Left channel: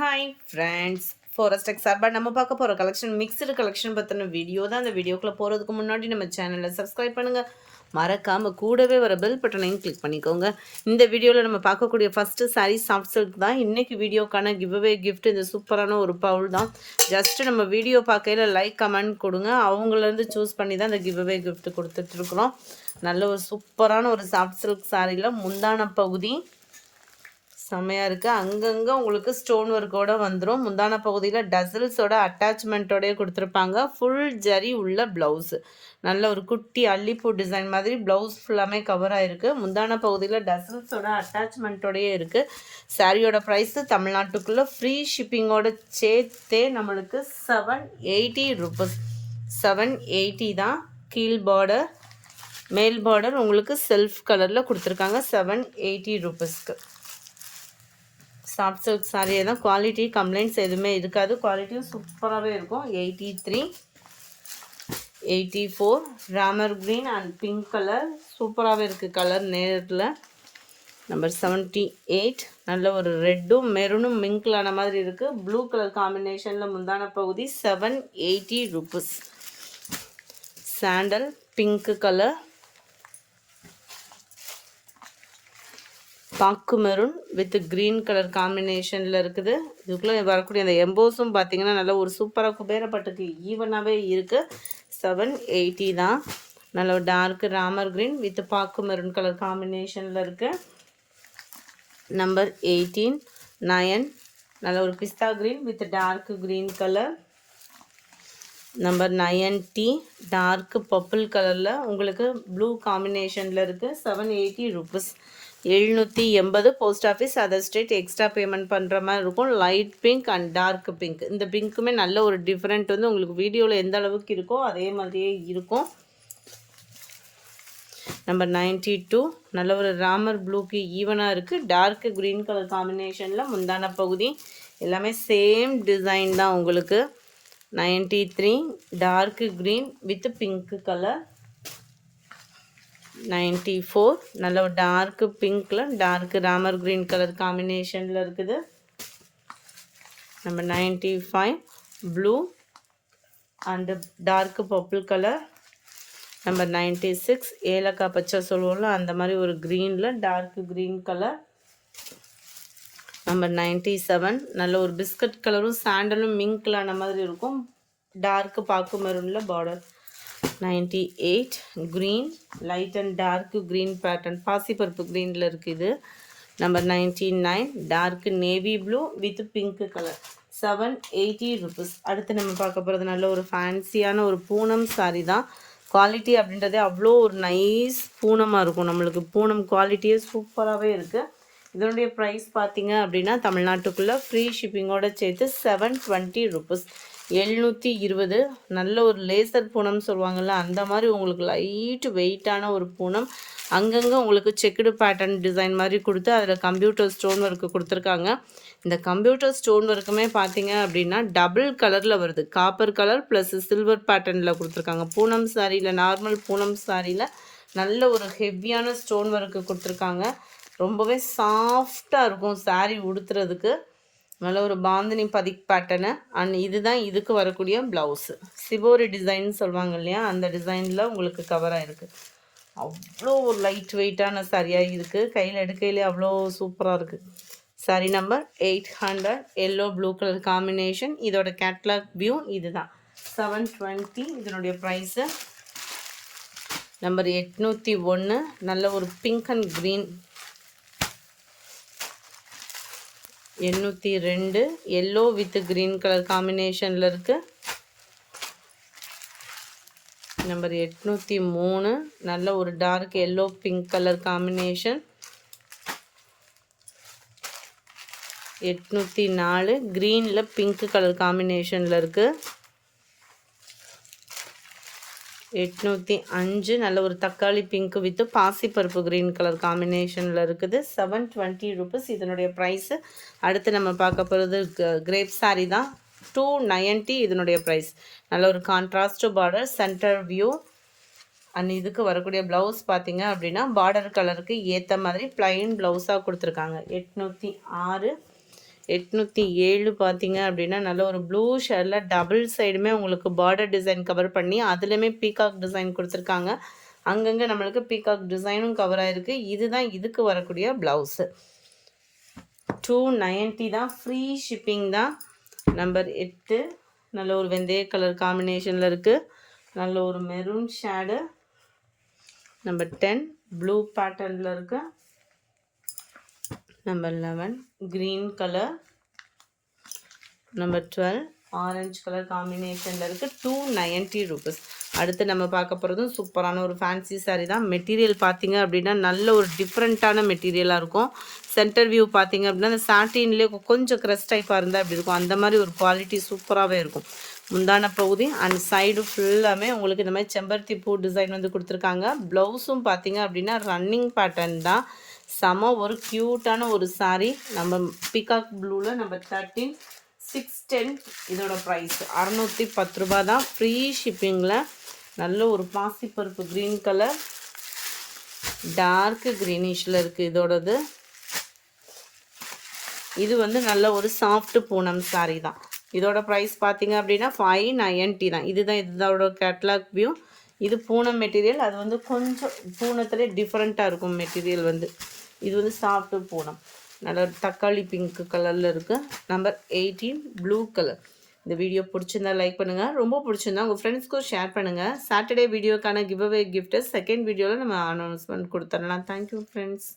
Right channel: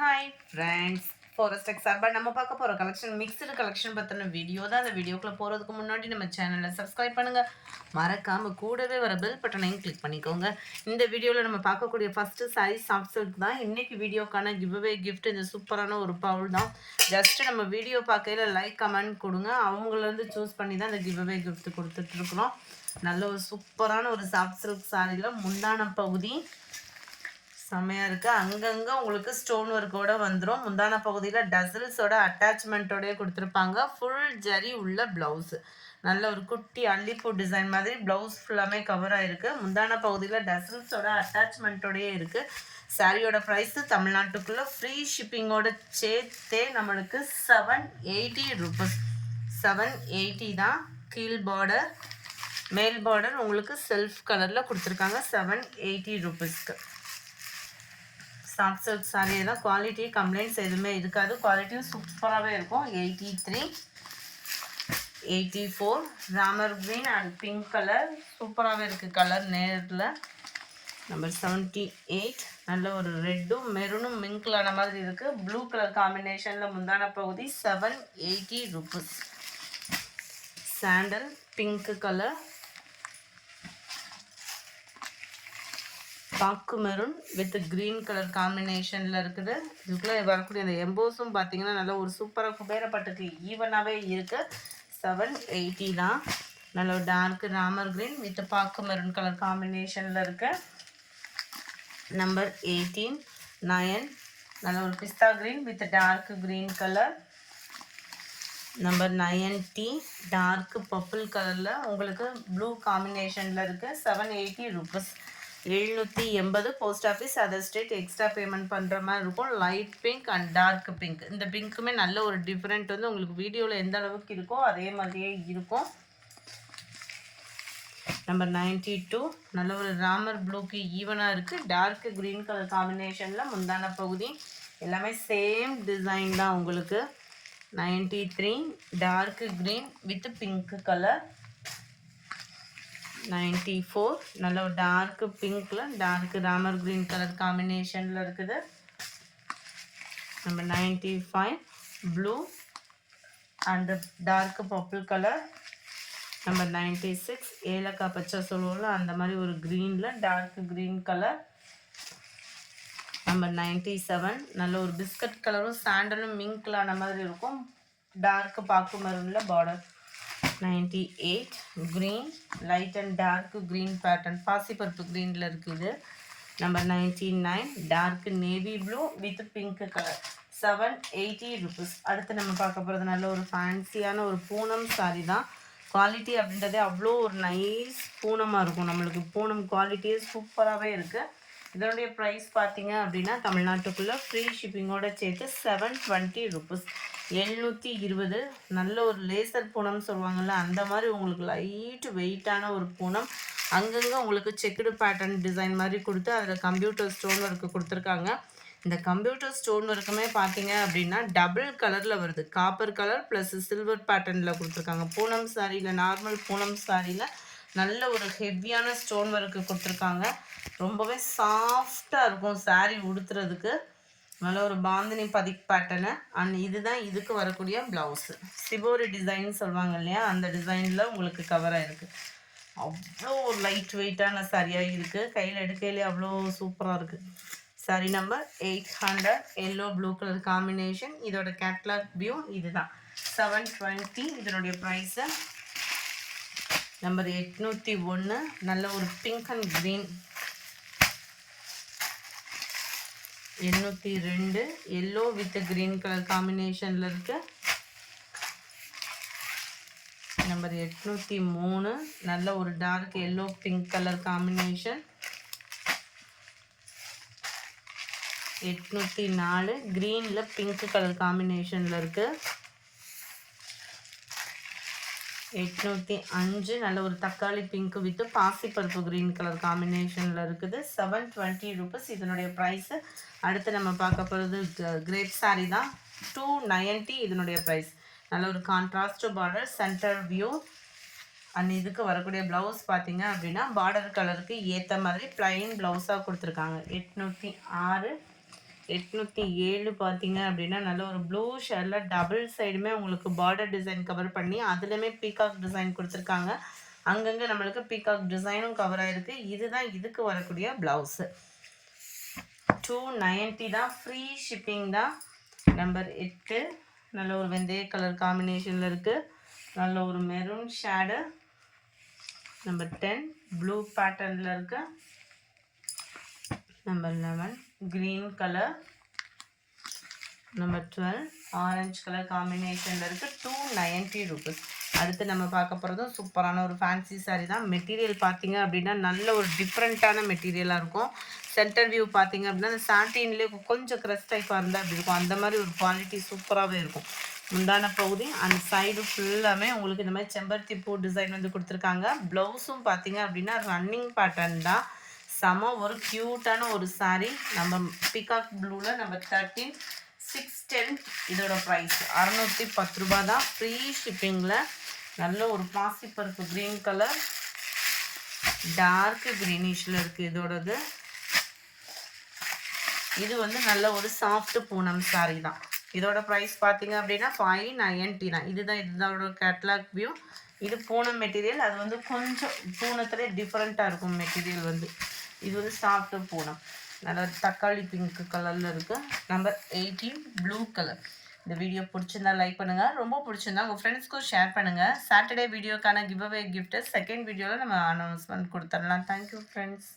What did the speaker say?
Hi friends, forest X சார்பாக நம்ம பார்க்க போகிற கலெக்ஷன் மிக்சடு கலெக்ஷன் பற்றின வீடியோ தான். அந்த வீடியோக்குள்ளே போகிறதுக்கு முன்னாடி நம்ம சேனலை சப்ஸ்கிரைப் பண்ணுங்கள், மறக்காமல் கூடவே வர பெல் பட்டனையும் கிளிக் பண்ணிக்கோங்க. இந்த வீடியோவில் நம்ம பார்க்கக்கூடிய ஃபஸ்ட்டு சாரீ சாஃப்ட் சில்க் தான். இன்றைக்கி வீடியோக்கான கிவ்அவே கிஃப்ட் இந்த சூப்பரான ஒரு பவுல் தான். ஜஸ்ட்டு நம்ம வீடியோ பார்க்கையில் லைக் கமெண்ட் கொடுங்க, அவங்களேருந்து சூஸ் பண்ணி தான் இந்த கிவ்அவே கிஃப்ட் கொடுத்துட்ருக்குறோம். நல்ல ஒரு சூப்பரான ஒரு சாஃப்ட் சில்க் சாரியில் முந்தான பகுதி செம்மையாக இருக்குது. அங்கங்கே உங்களுக்கு ஸ்டோன் ஒர்க்கோடு வந்துடும். முந்தான பகுதியில் டசல்ஸோட அட்டாச்மெண்ட்டோடய கொடுத்துருப்பாங்க. ஃபுல் ஜரி உள்ள ப்ளவுஸு, நல்ல ஒரு குட்டி அல்லிப்பூ டிசைன் மாதிரி ப்ளவுஸ் ஃபுல்லாமே கவர் ஆகிருக்கு. முந்தான பகுதியில் டசல்ஸோட அட்டாச்மெண்ட்டோடையே இருக்குது. சாரியோட ப்ரைஸு தமிழ்நாட்டுக்குள்ளே ஃப்ரீ ஷிப்பிங்கோடு சேர்த்தே நம்மளுக்கு 780 ருபீஸ். 780 தான். கீழ் பார்டர், மேல் பார்டர் உங்களுக்கு செல்ஃப் கலரில் கொடுத்துருக்காங்க 780 ருபீஸ்க்கு. சாஃப்ட் சில்க் சாரியே தான். குவாலிட்டி கம்ப்ளைண்ட்ஸ் எதுவுமே இருக்காது. குவாலிட்டியும் சூப்பராகவே இருக்கும். 83, 84 Ramar green and pink colour சூப்பராகவே இருக்குது. கலர் நேரில் நம்பர் 78 நல்ல ஒரு ரெட்டும் மெரூனும் மிங்கிளான மாதிரி இருக்குது. ப்ளூ கலர் காம்பினேஷனில் முந்தான பகுதி 780 ருபீஸ். சாண்டல் பிங்க் கலர், பாக்கு மெரூன் வித் க்ரீன் கலர் காம்பினேஷனில் இருக்குது. இதுக்குள்ளே வரக்கூடிய அந்த எம்போஸும் பார்த்திங்கன்னா நல்ல ஒரு சூப்பராக குபேரப்பட்டுக்கு ஈவனாகவே இருக்குது. 780 தான். நல்ல ஒரு டார்க் ராமர் க்ரீன் வித் பாக்கு மெரூன் கலர் காம்பினேஷனில் இருக்குது. நம்பர் 18 9 நல்ல ஒரு பிஸ்தா green with dark green colour. Number 90 dark purple கலரில் உங்களுக்கு ப்ளூ காம்பினேஷனில் இருக்குது. 780 rupees. 780 post office other state. Extra payment பண்ணுற மாதிரி இருக்கும். Light pink and dark pink, இந்த பிங்க்குமே நல்ல ஒரு டிஃப்ரெண்ட் வந்து உங்களுக்கு வீடியோவில் எந்த அளவுக்கு இருக்கோ அதே மாதிரியே இருக்கும். நம்பர் 92 நல்ல ஒரு ராமர் ப்ளூக்கு ஈவனாக இருக்குது. டார்க் க்ரீன் கலர் காம்பினேஷனில் முந்தான பகுதி எல்லாமே சேம் டிசைன் தான் உங்களுக்கு. 93 dark green with pink colour. 94 நல்ல ஒரு டார்க் பிங்க்ல டார்க் ராமர் க்ரீன் கலர் காம்பினேஷனில் இருக்குது. Number 95 blue and dark purple colour. Number 96 ஏலக்காய் பச்சை சொல்லுவோம்ல அந்த மாதிரி ஒரு க்ரீனில் டார்க் க்ரீன் கலர். நம்பர் 97 நல்ல ஒரு பிஸ்கட் கலரும் சாண்டலும் மிங்க்லான மாதிரி இருக்கும். டார்க் பாக்கு மெரூனில் border. 98 green light and dark green pattern பாசிப்பருப்பு க்ரீனில் இருக்குது. Number 99 dark navy blue with pink colour. 780 rupees. அடுத்து நம்ம பார்க்க போகிறது நல்ல ஒரு ஃபேன்சியான ஒரு பூனம் சாரி தான். குவாலிட்டி அப்படின்றதே அவ்வளோ ஒரு நைஸ் பூனமாக இருக்கும். நம்மளுக்கு பூனம் குவாலிட்டியே சூப்பராகவே இருக்குது. இதனுடைய ப்ரைஸ் பார்த்தீங்க அப்படின்னா தமிழ்நாட்டுக்குள்ளே ஃப்ரீ ஷிப்பிங்கோடு சேர்த்து 720 ருபீஸ். 720. நல்ல ஒரு லேசர் பூனம் சொல்லுவாங்கள்ல அந்த மாதிரி உங்களுக்கு லைட்டு வெயிட்டான ஒரு பூனம். அங்கங்கே உங்களுக்கு செக்குடு பேட்டர்ன் டிசைன் மாதிரி கொடுத்து அதில் கம்ப்யூட்டர் ஸ்டோன் ஒர்க்கு கொடுத்துருக்காங்க. இந்த கம்ப்யூட்டர் ஸ்டோன் ஒர்க்குமே பார்த்தீங்க அப்படின்னா டபுள் கலரில் வருது. காப்பர் கலர் ப்ளஸ் சில்வர் பேட்டர்னில் கொடுத்துருக்காங்க. பூனம் சாரியில், நார்மல் பூனம் சாரியில் நல்ல ஒரு ஹெவியான ஸ்டோன் ஒர்க்கு கொடுத்துருக்காங்க. ரொம்பவே சாஃப்டாக இருக்கும் சாரீ உடுத்துறதுக்கு. நல்ல ஒரு பாந்தினி பதிக் பேட்டர்னு. அண்ட் இதுதான் இதுக்கு வரக்கூடிய ப்ளவுஸு. சிவோரி டிசைன் சொல்லுவாங்க இல்லையா, அந்த டிசைனில் உங்களுக்கு கவராக இருக்குது. அவ்வளோ ஒரு லைட் வெயிட்டான சாரியாக இருக்குது. கையில் எடுக்கையிலே அவ்வளோ சூப்பராக இருக்குது. Sari number 800 yellow blue colour combination. இதோட கேட்லாக் வியூ இதுதான். 720 இதனுடைய ப்ரைஸு. நம்பர் 801 நல்ல ஒரு pink and green. 802 yellow with green colour காம்பினேஷனில் இருக்குது. நம்பர் 803 நல்ல ஒரு dark yellow pink colour combination. 804 க்ரீனில் பிங்க் கலர் காம்பினேஷனில் இருக்குது. 805 நல்ல ஒரு தக்காளி பிங்க் வித் பாசிப்பருப்பு க்ரீன் கலர் காம்பினேஷனில் இருக்குது. 720 ருபீஸ் இதனுடைய ப்ரைஸு. அடுத்து நம்ம பார்க்க போகிறது கிரேப் சாரி தான். 290 இதனுடைய ப்ரைஸ். நல்ல ஒரு contrast border, centre view. And இதுக்கு வரக்கூடிய ப்ளவுஸ் பார்த்தீங்க அப்படின்னா பார்டர் கலருக்கு ஏற்ற மாதிரி ப்ளைன் ப்ளவுஸாக கொடுத்துருக்காங்க. 806 807 பார்த்தீங்க அப்படின்னா நல்ல ஒரு ப்ளூ ஷேடில் டபுள் சைடுமே உங்களுக்கு பார்டர் டிசைன் கவர் பண்ணி அதுலேயுமே பீகாக் டிசைன் கொடுத்துருக்காங்க. அங்கங்கே நம்மளுக்கு பீகாக் டிசைனும் கவர் ஆகிருக்கு. இதுதான் இதுக்கு வரக்கூடிய ப்ளவுஸு. 290 தான், ஃப்ரீ ஷிப்பிங் தான். நம்பர் 8 நல்ல ஒரு வெந்தய கலர் காம்பினேஷனில் இருக்குது. நல்ல ஒரு மெரூன் ஷேடு. நம்பர் 10 ப்ளூ பேட்டர்னில் இருக்குது. Number 11 green colour. Number 12 orange colour காம்பினேஷனில் இருக்குது. 290 rupees. அடுத்து நம்ம பார்க்க போகிறதும் சூப்பரான ஒரு ஃபேன்சி சாரீ தான். மெட்டீரியல் பார்த்தீங்க அப்படின்னா நல்ல ஒரு டிஃப்ரெண்ட்டான மெட்டீரியலாக இருக்கும். சென்டர் வியூ பார்த்தீங்க அப்படின்னா அந்த சாட்டின்லேயே கொஞ்சம் க்ரஸ் டைப்பாக இருந்தால் அப்படி இருக்கும். அந்த மாதிரி ஒரு குவாலிட்டி சூப்பராகவே இருக்கும். முந்தான பகுதி அண்ட் சைடு ஃபுல்லாமே உங்களுக்கு இந்த மாதிரி செம்பருத்தி பூ டிசைன் வந்து கொடுத்துருக்காங்க. ப்ளவுஸும் பார்த்தீங்க அப்படின்னா ரன்னிங் பேட்டர்ன் தான். செம ஒரு க்யூட்டான ஒரு சாரீ. நம்ம பீகாக் ப்ளூவில் நம்பர் 13 610. இதோட ப்ரைஸ் 610 ரூபா தான், ஃப்ரீ ஷிப்பிங்கில். நல்ல ஒரு பாசிப்பருப்பு க்ரீன் கலர், டார்க் க்ரீனிஷில் இருக்குது இதோடது. இது வந்து நல்ல ஒரு சாஃப்ட் பூனம் சாரீ தான். இதோட ப்ரைஸ் பார்த்தீங்க அப்படின்னா 590 தான். இதுதான் இதோட கேட்லாக் வியூ. இது பூனம் மெட்டீரியல். அது வந்து கொஞ்சம் பூனத்துலேயே டிஃப்ரெண்ட்டாக இருக்கும் மெட்டீரியல் வந்து. இது வந்து சாஃப்ட் பூனம். நல்ல தக்காளி பிங்க் கலரில் இருக்குது. Number 18 blue colour. இந்த வீடியோ பிடிச்சிருந்தா லைக் பண்ணுங்கள். ரொம்ப பிடிச்சிருந்தா உங்கள் ஃப்ரெண்ட்ஸ்க்கும் ஷேர் பண்ணுங்கள். சாட்டர்டே வீடியோக்கான கிவ் அவே கிஃப்ட்டு செகண்ட் வீடியோவில் நம்ம அனௌன்ஸ்மெண்ட் கொடுத்துடலாம். Thank you friends.